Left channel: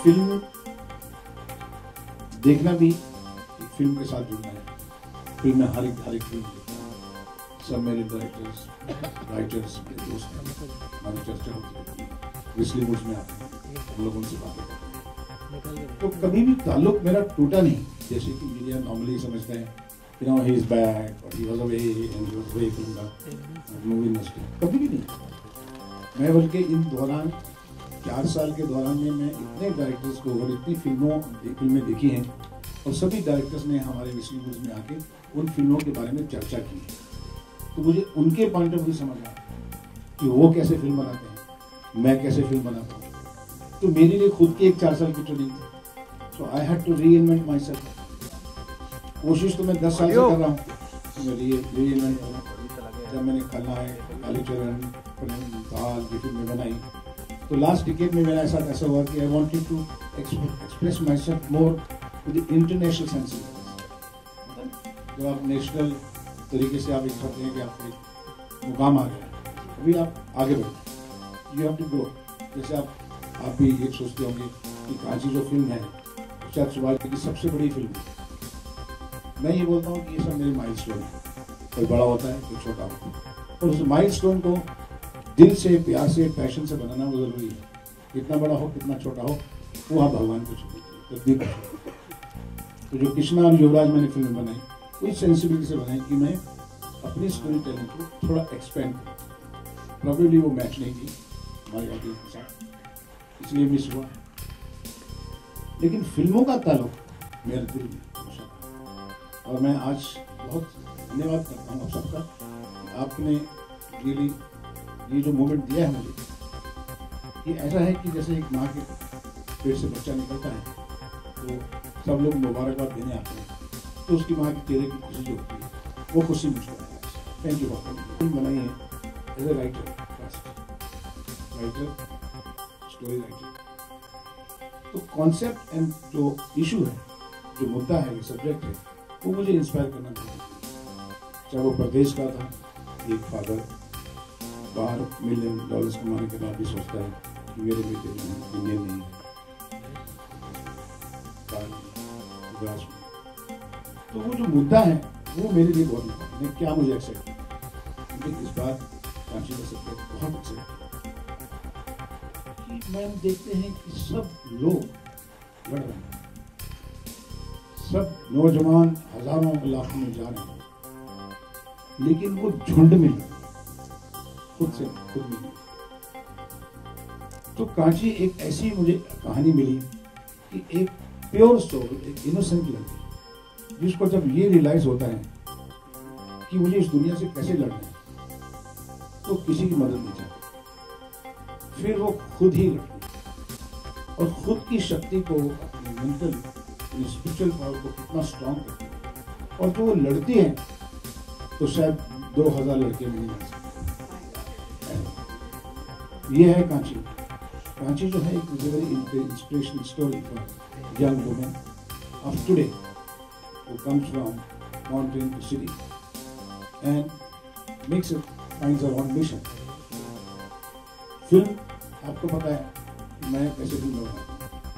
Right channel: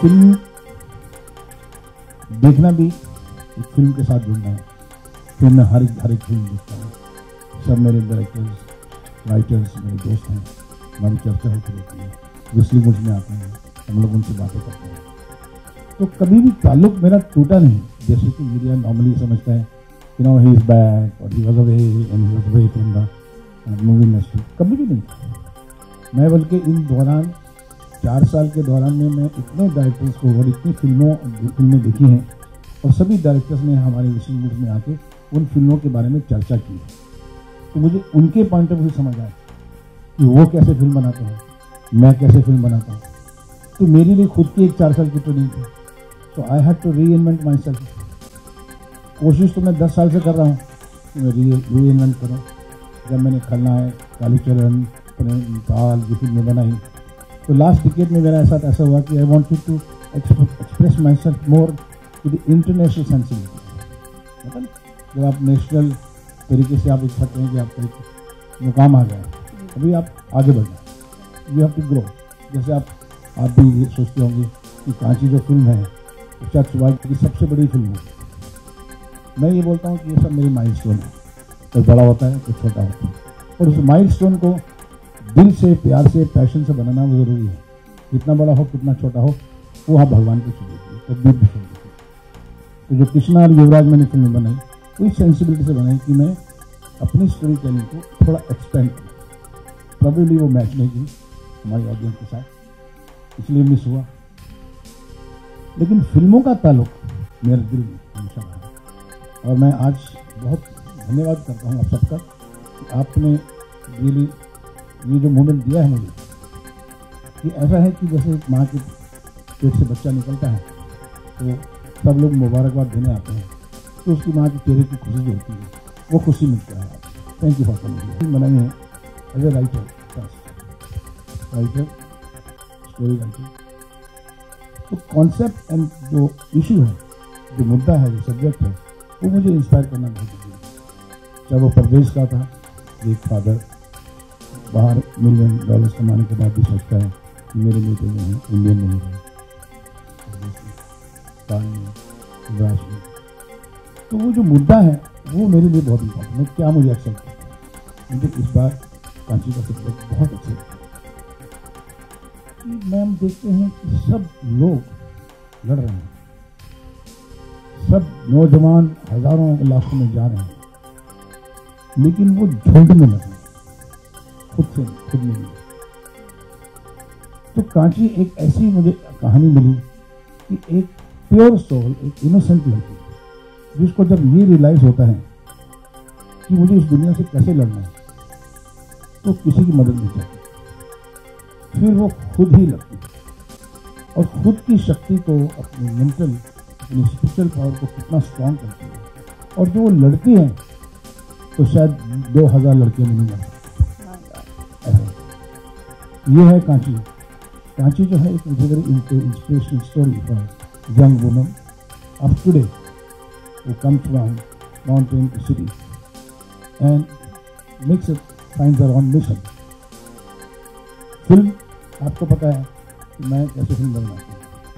Film देखना भी एक फिल्म के साथ जुड़ना है। फिल्म में हर एक फिल्म देखता हूँ। सब मेरे डायरेक्टर्स, राइटर्स मेरे दोस्त हैं, हमारी चर्चा होती रहती है, विस्ली मूड में आते हैं, हम लोग उनसे बातें करते हैं। तो कभी भी ताल्लुक मेरा टूटा नहीं, जैसे कि मीडिया नॉर्मली समझते हैं, you know he is back और he was away and he was away from the movie industry. कभी भी नहीं। मैं बल्कि इन दौरान 4 साल के दौरान में मैं इतने डायरेक्टर्स को और इतनी फिल्में देखी हैं और सभी डायरेक्टर्स ने हमारे विस्ली मूड में आके उन फिल्मों के बारे में चर्चा की है। तो मुझे उनके पॉइंट ऑफ व्यू समझ आया कि वो कैसे फिल्म बनाते हैं, मैं कैसे फिल्म बनाता हूँ। तो मेरी भी खुद की एक 4 साल की ट्रेनिंग थी। So I had to reinvent myself. कोशिश तो मैं 10 साल से कर रहा हूँ री इन्वेंट करूँ। जब मैंने खलनायक, कालीचरण, ताल ये फिल्में बनाई तो लास्ट डिकेड में मेरा ऐसा हुआ कि I wanted to express myself more to the international sensibility. मतलब जब आप नेशनल तरीके से आप करते हैं कि आपको एक मुकाम आ गया, अभी आप आगे बढ़ें, यू हैव टू ग्रो। जैसे आप भी ये सोचते होंगे कि कांची जो फिल्म है शायद वर्ल्ड की सबसे बड़ी फिल्म है। मैं ये बोलता हूँ कि ये सब मेरी माइलस्टोन है। कोई बड़ा होता है, कोई छोटा होता है, और उस माइलस्टोन को दिल से, प्यार से, पैशन से बनाना वो जरूरी है। कितना बड़ा हो, कितना छोटा हो, वो आप भगवान को छोड़िए, तदबीर को छोड़िए। तो जो कृष्णा और युवराज मैंने फिल्म बनाई कोई सेंसिबिलिटी से बनाई कि मैं अपनी स्टोरी टेलिंग को थोड़ा एक्सपेंड करूँ। प्रॉब्लली वो मैच नहीं की हमारी ऑडियंस के साथ, इसलिए मिस हुआ। लेकिन फिल्मों का ताल्लुक मेरे दिल में हमेशा है। और मैं आज बहुत धन्यवाद करता हूँ आप सबका कि आपने ये जो मोमेंट दिया है मुझे। ये ऐसा है कि जैसे एक माँ के पेट से बच्चा निकलता है तो सब लोग मुबारकबाद देने आते हैं, तो उसकी माँ की चेहरे की खुशी जो होती है वो खुशी मुझको है। Thank you for coming. Film बनाई है as a writer, first writer, story writer. तो कॉन्सेप्ट एंड जो इशू है, जो मुद्दा है, जो सब्जेक्ट है, वो मुझे इंस्पायर करना बहुत जरूरी है। चाहे वो परदेश का था, एक फादर बाहर $1 मिलियन कमाने के बाद भी सोचता है कि मेरे बेटे जो हैं इंडिया में ही है, में। तो वो जो मुद्दा है वो मेरे लिए बहुत इंपॉर्टेंट है। क्या मुझे एक्सेप्ट किया, मुझे इस बार कांची का सब्जेक्ट बहुत एक्सेप्ट किया कि मैम देखते हैं कि सब लोग लड़ रहे हैं, सब नौजवान हजारों लाखों में जा रहे हैं, लेकिन वो झुंड में लड़ रहे हैं, खुद में नहीं। तो कांची एक ऐसी मुझे कहानी मिली कि एक प्योर सोल, एक इनोसेंट लड़की, जिसको जब ये रियलाइज होता है कि मुझे इस दुनिया से कैसे लड़ना है, तो किसी की मदद नहीं चाहती। फिर वो खुद ही लड़ती और खुद की शक्ति को, अपनी मेंटल, अपनी स्पिरिचुअल पावर को कितना स्ट्रांग करती है। और जो वो लड़ती है तो शायद 2000 लड़कियां नहीं लड़ सकती। ये है कांची। कांची जो है एक very inspirational story for young women of today who comes from mountain to city and makes it, finds her own mission. Film आपको पता है कि मैं कैसे फिल्म बनाऊँ।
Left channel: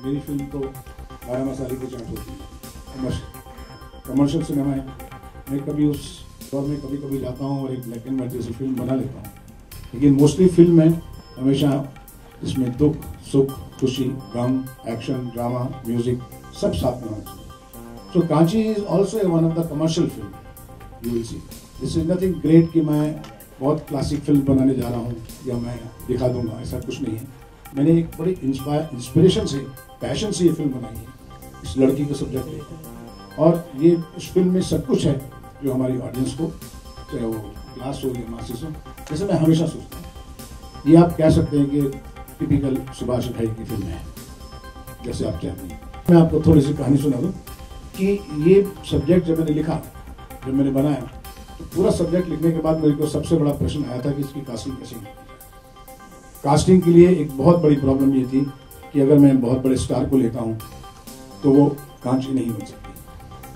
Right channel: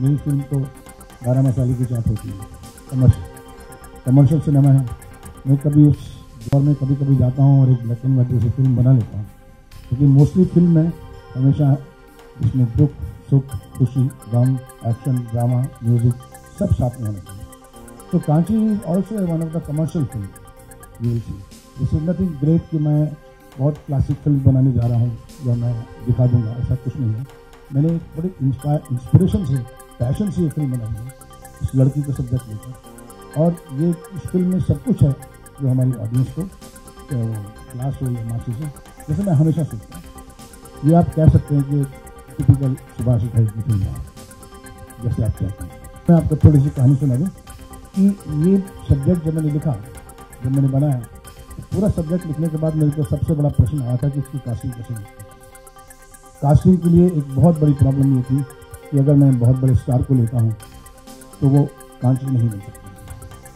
मेरी फिल्म तो 12 मसाले की चाट होती है, कमर्शियल सिनेमा है। मैं कभी उस दौर में कभी जाता हूँ और एक ब्लैक एंड व्हाइट जैसी फिल्म बना लेता हूँ, लेकिन मोस्टली फिल्म में हमेशा इसमें दुख, सुख, खुशी, गम, एक्शन, ड्रामा, म्यूजिक सब साथ में होना चाहिए। So Kanchi is also one of the commercial film. You will see. This is nothing great कि मैं बहुत क्लासिक फिल्म बनाने जा रहा हूँ या मैं दिखा दूंगा, ऐसा कुछ नहीं है। मैंने एक बड़ी इंस्पिरेशन से, पैशन से ये फिल्म बनाई है, इस लड़की का सब्जेक्ट लेकर। और ये इस फिल्म में सब कुछ है जो हमारी ऑडियंस को, चाहे वो क्लास हो या मासिस हो, जैसे मैं हमेशा सोचता हूँ। ये आप कह सकते हैं कि टिपिकल सुभाष भाई की फिल्म है, जैसे आप चाहते हैं। मैं आपको थोड़ी सी कहानी सुना दूँ कि ये सब्जेक्ट जब मैंने लिखा, जब मैंने बनाया, तो पूरा सब्जेक्ट लिखने के बाद मेरे को सबसे बड़ा प्रश्न आया था कि इसकी कास्टिंग कैसे होगी। कास्टिंग के लिए एक बहुत बड़ी प्रॉब्लम ये थी कि अगर मैं बहुत बड़े स्टार को लेता हूँ तो वो कांची नहीं बन सकती,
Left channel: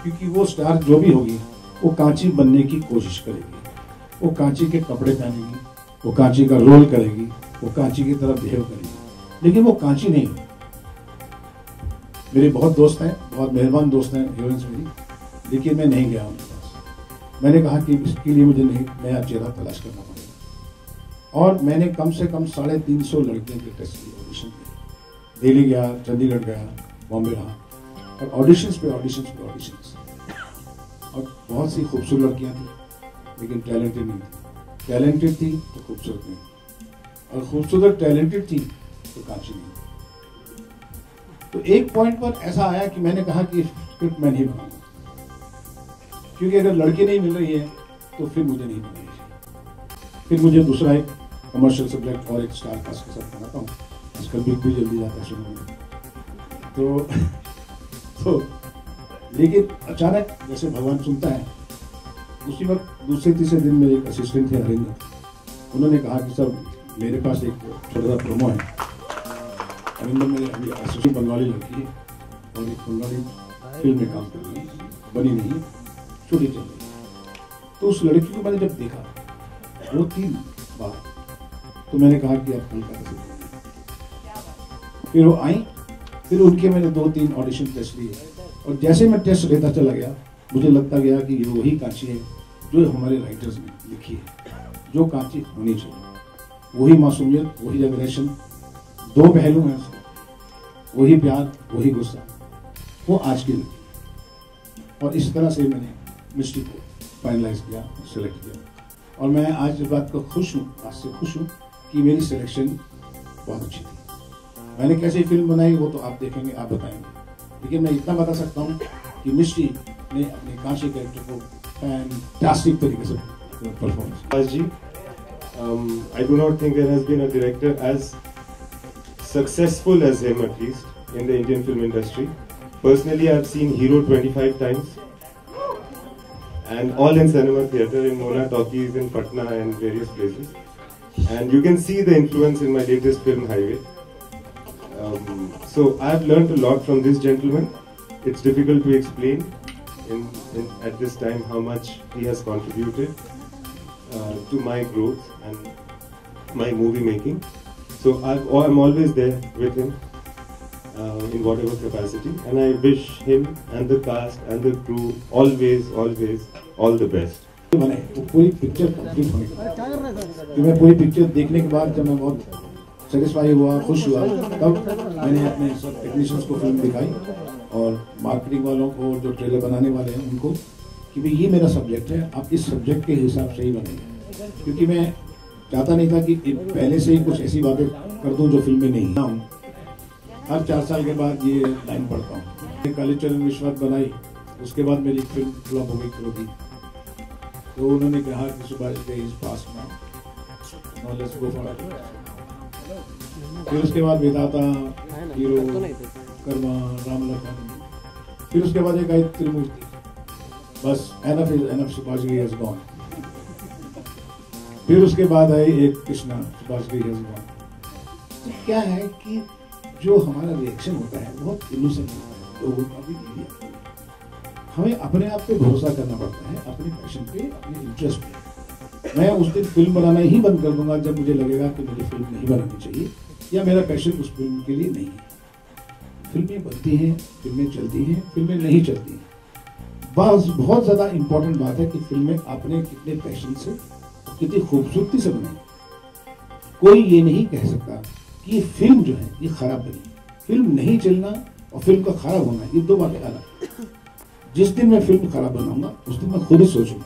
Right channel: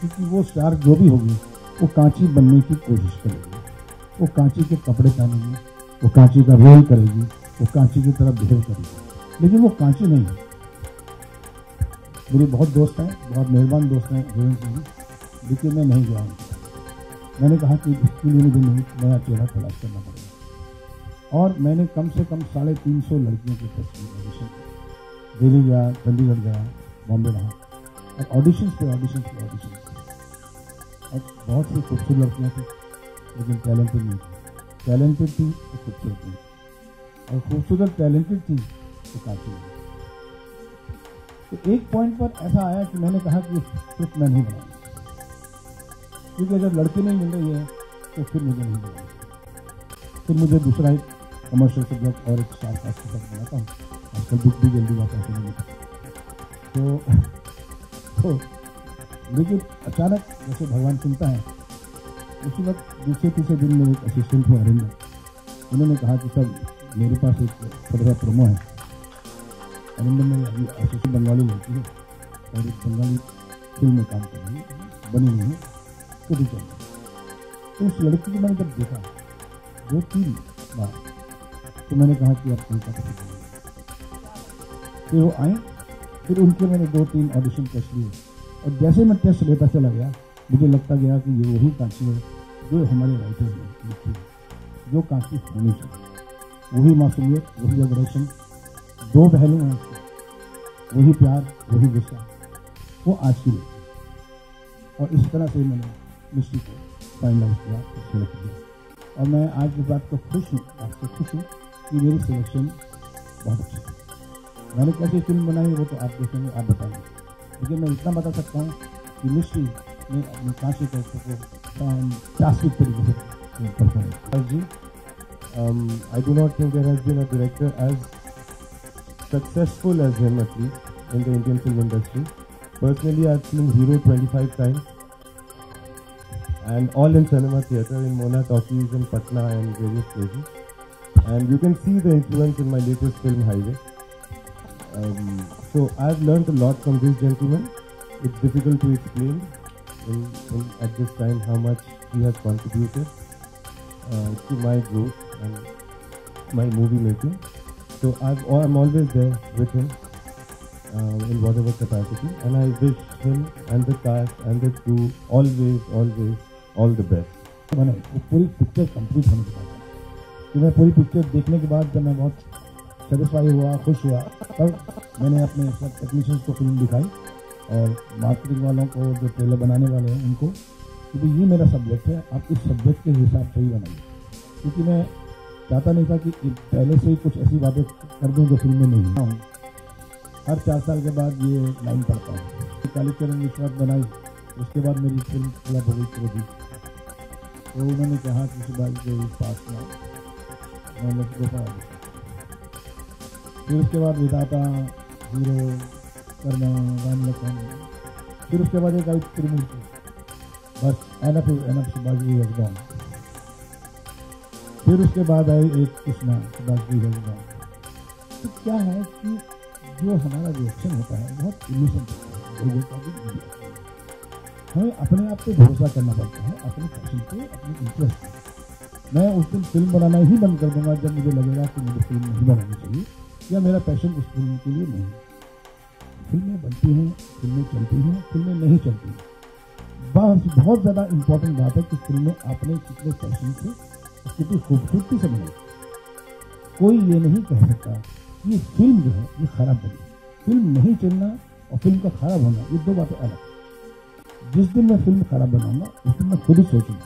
क्योंकि वो स्टार जो भी होगी वो कांची बनने की कोशिश करेगी, वो कांची के कपड़े पहनेगी, वो कांची का रोल करेगी, वो कांची की तरह बिहेव करेगी, लेकिन वो कांची नहीं। मेरे बहुत दोस्त हैं, बहुत मेहरबान दोस्त हैं हीरोइंस मेरी, लेकिन मैं नहीं गया उनके पास। मैंने कहा कि इसके लिए मुझे नहीं नया चेहरा तलाश करना पड़ेगा, और मैंने कम से कम 350 लड़कियों के टेस्ट लिए, ऑडिशन किए। दिल्ली गया, चंडीगढ़ गया, बॉम्बे रहा, और ऑडिशंस पे ऑडिशंस, और बहुत सी खूबसूरत लड़कियाँ थी, लेकिन टैलेंटेड नहीं थी। टैलेंटेड थी तो खूबसूरत नहीं, और खूबसूरत टैलेंटेड थी तो कांची नहीं। तो एक पॉइंट पर ऐसा आया कि मैंने कहा कि फिर मैं नहीं बनाऊंगा, क्योंकि अगर लड़की नहीं मिल रही है तो फिर मुझे नहीं मिल रही है। फिर मुझे दूसरा एक कमर्शियल सब्जेक्ट और एक स्टार कास्ट के साथ बनाता हूँ, आजकल भी जल्दी जाता है शुरू में। तो लेकिन अचानक जैसे भगवान चुनता है, उसी वक्त दूसरे तीसरे दिन में एक असिस्टेंट थे अरविंद, उन्होंने कहा कि सर मेरे पास एक छोटा प्रोमो है। अरविंद में अभी असिस्टेंट बनने वाली लड़की है और एक बंगाली फिल्म में काम कर रही है, बनी नहीं, छोटी चाहिए। तो उस लड़की को मैंने जब देखा 2-3 बार, तो मैंने कहा कि आप कल का फिर वो आई, फिर उनके मैंने 2-3 ऑडिशन टेस्ट लिए, और जैसे मैं टेस्ट लेता चला गया मुझे लगता गया कि ये वही कांची है जो हमारे राइटर्स ने लिखी है, जो कांची होनी चाहिए। वही मासूमियत, वही जनरेशन, 2 पहलू हैं उसमें, वही प्यार, वही गुस्सा, वो आज की लिखी। और इस तरह से मैंने मिस्टी को फाइनलाइज किया, सेलेक्ट किया, और मैं आज इस बात को खुश हूँ, आज से खुश हूँ कि मेरी सिलेक्शन बहुत अच्छी थी। मैंने कैसी फिल्म बनाई वो तो आप देखेंगे, आप बताएंगे, लेकिन मैं इतना बता सकता हूँ कि मिस्टी ने अपने कांची कैरेक्टर को फैंटास्टिक तरीके से परफॉर्मेंस जी। I do not think there has been a director as successful as him, at least in the Indian film industry. Personally, I've seen Hero 25 times, and all in cinema theatre, in Mona Talkies, in Patna, and various places. And you can see the influence in my latest film, Highway. So I've learned a lot from this gentleman. It's difficult to explain at this time how much he has contributed to my growth and my movie making. So I'm always there with him in whatever capacity, and I wish him and the cast and the crew always all the best. पूरी picture complete होने के बाद, मैं पूरी picture देखने के बाद जब मैं बहुत सेटिस्फाई हुआ, खुश हुआ, तब मैंने अपने सब टेक्नीशियंस को फिल्म दिखाई और मार्केटिंग वालों को, जो ट्रेलर बनाने वाले हैं उनको, कि भाई ये मेरा सब्जेक्ट है, आप इस सब्जेक्ट के हिसाब से ही बनेंगे। क्योंकि मैं चाहता नहीं था कि पहले से ही कुछ ऐसी बातें कर दूँ जो फिल्म में नहीं हूँ। हर 4 साल के बाद ये लाइन पढ़ता हूँ। कालीचरण विश्वनाथ बनाई, उसके बाद मेरी फिल्म फ्लॉप हो गई थी, तो उन्होंने कहा कि Subhash day is past now, let's go for it. फिर उसके बाद विधाता, हीरो, कर्मा, राम लखन, फिर उसके बाद एक आई त्रिमूर्ति, बस enough Subhash day has gone. फिर उसके बाद आई एक Krishna, Subhash day has gone. तो क्या है कि जो हमारा रिएक्शन होता है बहुत इल्यूशन होता है, लोगों का भी मीडिया, हमें अपने आप पे भरोसा करना पड़ता है, अपने पैशन पे, अपने इंटरेस्ट पे। मैं उस दिन फिल्म बनाना ही बंद कर दूंगा जब मुझे लगेगा कि मुझे फिल्म नहीं बनानी चाहिए, या मेरा पैशन उस फिल्म के लिए नहीं है। फिल्में बनती हैं, फिल्में चलती हैं, फिल्में नहीं चलती हैं। बस बहुत ज़्यादा इम्पोर्टेंट बात है कि फिल्में आपने कितने पैशन से, कितनी खूबसूरती से बनाई। कोई ये नहीं कह सकता कि ये फिल्म जो है ये खराब बनी। फिल्म नहीं चलना और फिल्म का खराब होना, ये 2 बातें अलग। जिस दिन मैं फिल्म खराब बनाऊंगा उस दिन मैं खुद ही सोचूंगा,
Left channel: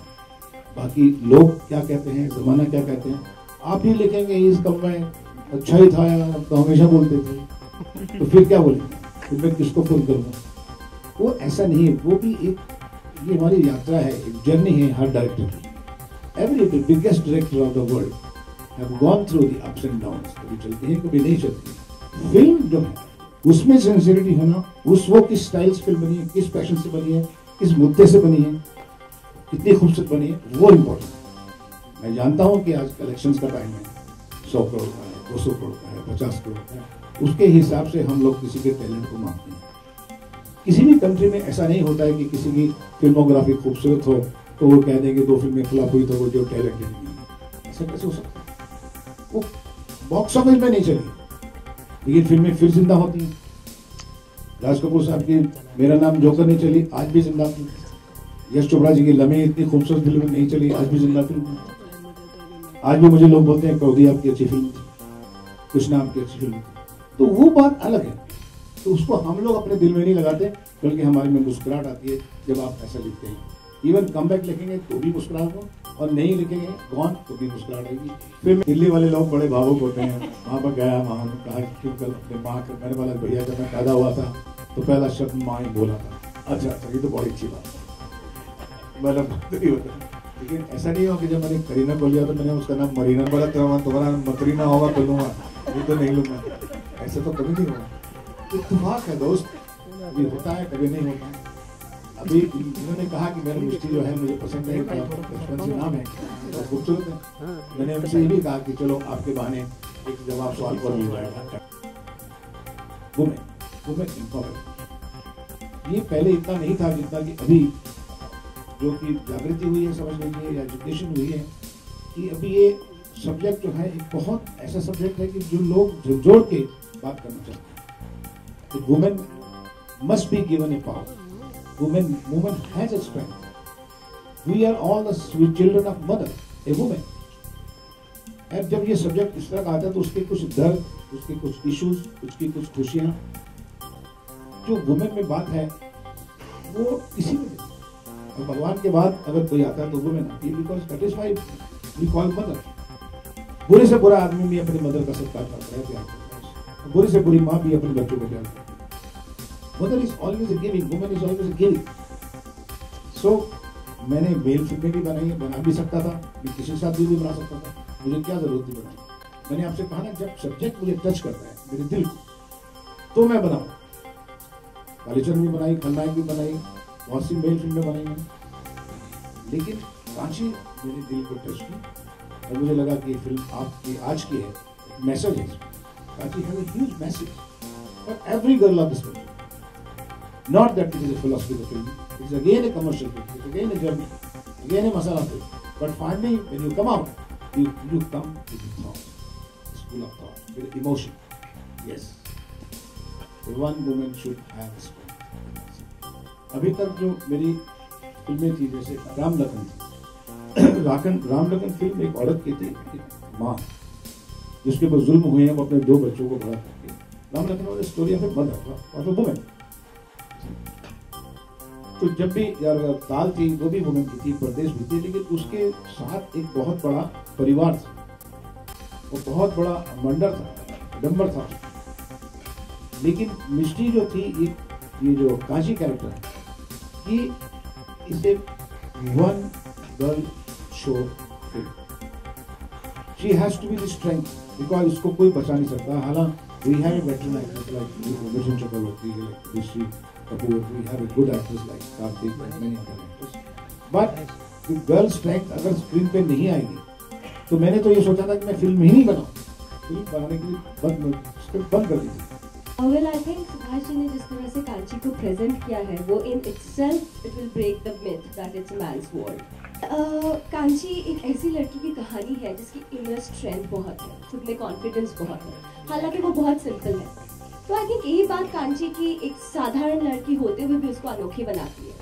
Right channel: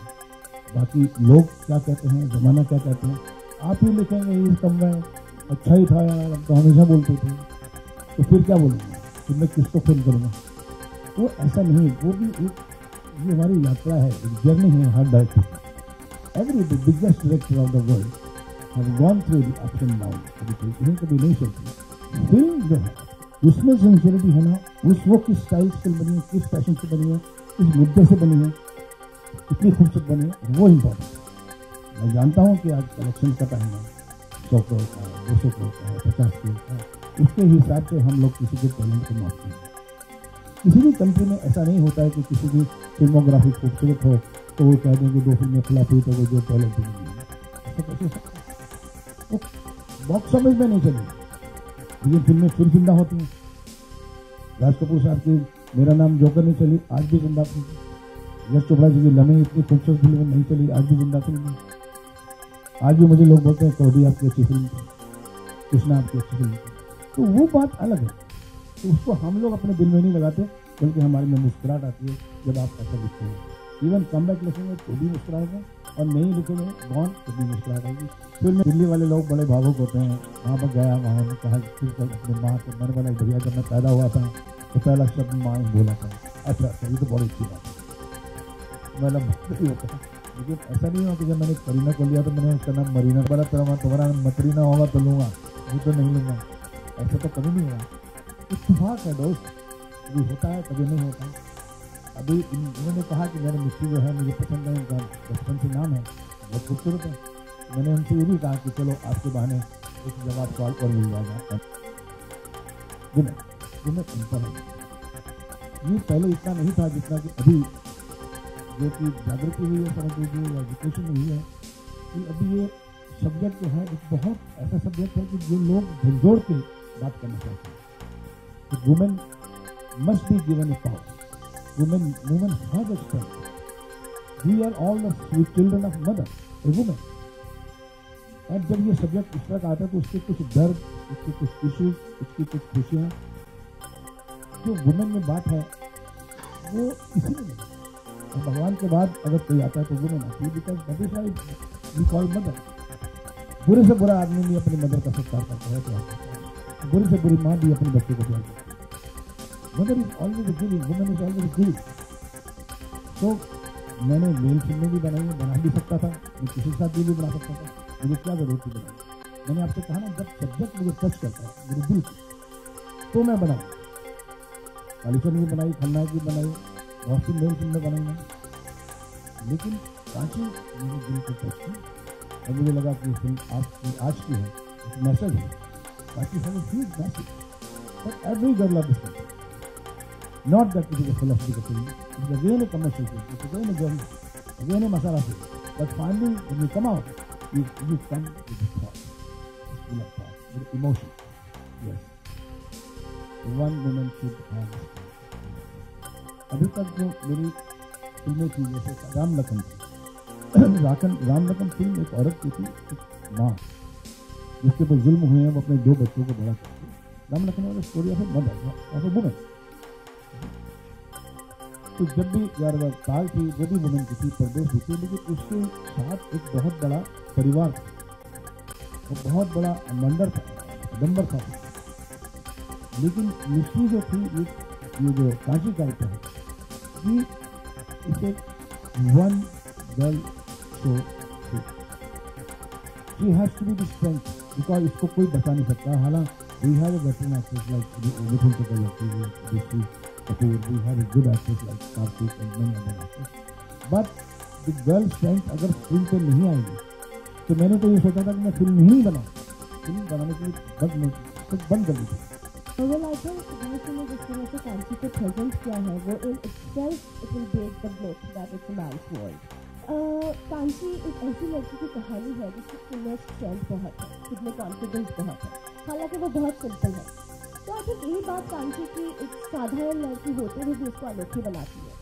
बाकी लोग क्या कहते हैं, जमाना क्या कहते हैं, आप ही लिखेंगे इस दम में अच्छा ही था, तो हमेशा बोलते थे, तो फिर क्या बोलेंगे, फिर मैं किसको फोन करूँगा। वो ऐसा नहीं है, वो भी एक, ये हमारी यात्रा है, एक जर्नी है हर डायरेक्टर की। Every biggest director of the world have gone through the ups and downs, कभी चलती है कभी नहीं चलती। फिल्म जो है उसमें सिंसियरिटी होना, वो किस स्टाइल से फिल्म बनी है, किस पैशन से बनी है, किस मुद्दे से बनी है, कितनी खूबसूरत बनी है, वो इम्पोर्टेंट। मैं जानता हूँ कि आज कलेक्शंस का टाइम है, 100 करोड़ का है, 200 करोड़ का है, 50 करोड़ का है, उसके हिसाब से हम लोग किसी के टैलेंट को मापते हैं। किसी भी कंट्री में ऐसा नहीं होता है कि किसी की फिल्मोग्राफी खूबसूरत हो तो वो कह दें कि 2 फिल्में खिलाफ हुई तो वो जो टैलेंट नहीं है। ऐसा कैसे हो सकता है? वो बॉक्स ऑफिस में नहीं चली, लेकिन फिल्में फिर जिंदा होती हैं। राज कपूर साहब की मेरा नाम जोकर नहीं चली, आज भी जिंदा थी। यश चोपड़ा जी की लम्हे इतनी खूबसूरत फिल्म नहीं चली, आज भी जिंदा फिल्म। आज भी मुझे लोग बोलते हैं कौदी आपकी अच्छी फिल्म थी, कृष्णा आपकी अच्छी फिल्म थी। तो वो बात अलग है, तो उसको हम लोग अपने दिल में नहीं लगाते, बल्कि हमारे में मुस्कुराहट आती है जब आप ऐसा लिखते हैं। इवन कमबैक लिखेंगे तो भी मुस्कुराहट हो, और नहीं लिखेंगे गॉन तो भी मुस्कुराहट आएगी। फिर दिल्ली वाले लोग बड़े भावुक होते हैं। वहाँ पर गया, वहाँ कहा कि कल अपनी माँ के, मैंने बोला भैया जब मैं पैदा हुआ था तो पहला शब्द माँ ही बोला था। अच्छा तभी तो बहुत अच्छी बात है, लेकिन ऐसा नहीं हो कि जब मैंने करीना बोलिया तो मैंने उसका नाम मरीना बोला, तो तुम्हारा मकरीना होगा तो लूँगा, ये तो नहीं लूँगा, ऐसा तो कभी नहीं होगा। इत्तेफाक है दोस्त, कभी होता है कभी नहीं होता है। अभी उन्होंने कहा कि मेरा मिष्टी जो है मुझे पसंद है, बचपन से नाम है, बहुत खूबसूरत है। मैंने उनसे ये भी कहा कि चलो आपके बहाने एक जवाब सवाल और मिल जाएगा। ये पहले इतना नहीं था जितना कि अभी जो कि जागृति हुई है, समझ लीजिए, एजुकेशन हुई है, कि अभी ये सब्जेक्ट जो है एक बहुत ऐसा सब्जेक्ट है कि जो लोग जोड़ के बात करना चाहते हैं। Women must be given A power, woman has a strength. We are all the sweet children of mother, a woman. और जब ये सब्जेक्ट इस तरह आता है तो उसके कुछ दर्द, उसके कुछ इश्यूज, उसकी कुछ खुशियाँ, जो वुमेन में बात है वो इसी में भगवान के बाद अगर कोई आता है तो वुमेन आती है, because that is why we call mother. बुरे से बुरा आदमी भी अपनी मदर का सत्कार करता है, क्या बुरे से बुरी माँ भी अपने बच्चों को प्यार। Mother is always a giving, woman is always a giving. So मैंने मेल फिल्में भी बनाई, बना भी सकता था, मैं किसी के साथ भी बना सकता था, मुझे क्या जरूरत थी बनाने। मैंने आपसे कहा ना, जब सब्जेक्ट मुझे टच करता है मेरे दिल तो मैं बनाऊँ। कालीचरण भी बनाई, खलनायक भी बनाई, बहुत सी मेल फिल्में बनाई मैंने, लेकिन कांची मेरे दिल को टच की और मुझे लगा कि फिल्म आपकी आज की है, एक मैसेज है। Kanchi has a huge message for every girl of this country. Not that it is a philosophical film, it is again a commercial film, it is again a journey, again a masala film. But finally, when you come out, you come with a thought, school of thought, with emotion. Yes, one woman should have a story. अभी तक जो मेरी फिल्में थी, जैसे राम लखन थी, Ram Lakhan film एक औरत की थी, माँ जिसके ऊपर जुल्म हुए हैं, वो अपने 2 बच्चों को बड़ा करती है। राम लखन वाली story of a mother of a woman. तो जब भी काल थी वो भी वुमेन की थी, परदेश भी थी, लेकिन उसके साथ एक बहुत बड़ा परिवार था, वो बहुत बड़ा मंडल था, डंबर था। लेकिन मिस्ट्री जो थी, ये जो कांची कैरेक्टर है, ये इसे one girl show film. She has to be the strength, because इसको कोई बचा नहीं सकता। हालांकि we have veteran actors like Mithun Chakraborty, Rishi Kapoor, we have a good actors like Karthik and many other actors. But the girl strength अगर screen पे नहीं आएगी, तो मैंने तो ये सोचा था कि मैं फिल्म ही नहीं बनाऊँ, फिल्म बनाने के लिए बंद कर दी। Well, I think Subhash ji ने जिस तरह से कांची को प्रेजेंट किया है, वो in itself it will break the myth that it's a man's world. Kanchi एक ऐसी लड़की की कहानी है जिसकी इनर स्ट्रेंथ बहुत है, खुद में कॉन्फिडेंस बहुत है, हालांकि वो बहुत सिंपल है। तो आई थिंक यही बात कांची की एक साधारण लड़की होते हुए भी उसको अनोखी बनाती है।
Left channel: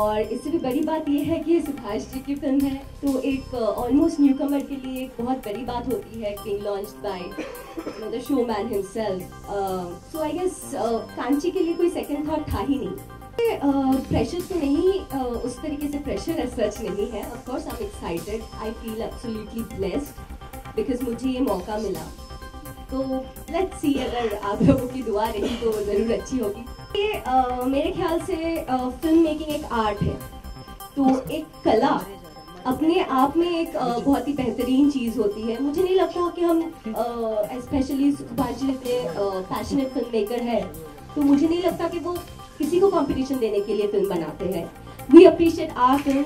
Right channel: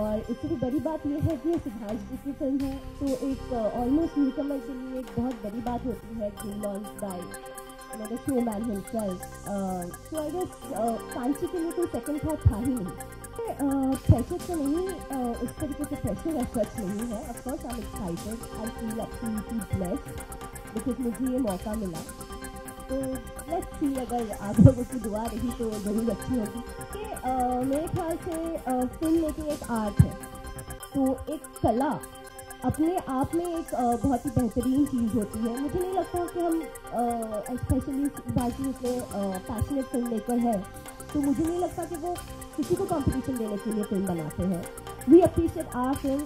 और इससे भी बड़ी बात यह है कि सुभाष जी की फिल्म है, तो एक ऑलमोस्ट न्यू कमर के लिए एक बहुत बड़ी बात होती है, being launched by the showman himself. So I guess Kanchi के लिए कोई सेकंड थॉट था ही नहीं। प्रेशर तो नहीं, उस तरीके से प्रेशर एज सच नहीं है। Of course I am excited, I feel absolutely blessed because मुझे ये मौका मिला। तो लेट्स सी, अगर आप लोगों की दुआ रही तो ज़रूर अच्छी होगी। ये मेरे ख्याल से फिल्म मेकिंग एक आर्ट है, तो एक कला अपने आप में एक बहुत ही बेहतरीन चीज़ होती है। मुझे नहीं लगता कि हम स्पेशली सुभाष जी इतने पैशनेट फिल्म मेकर है, तो मुझे नहीं लगता कि वो किसी को कंपटीशन देने के लिए फिल्म बनाते हैं। We appreciate our film.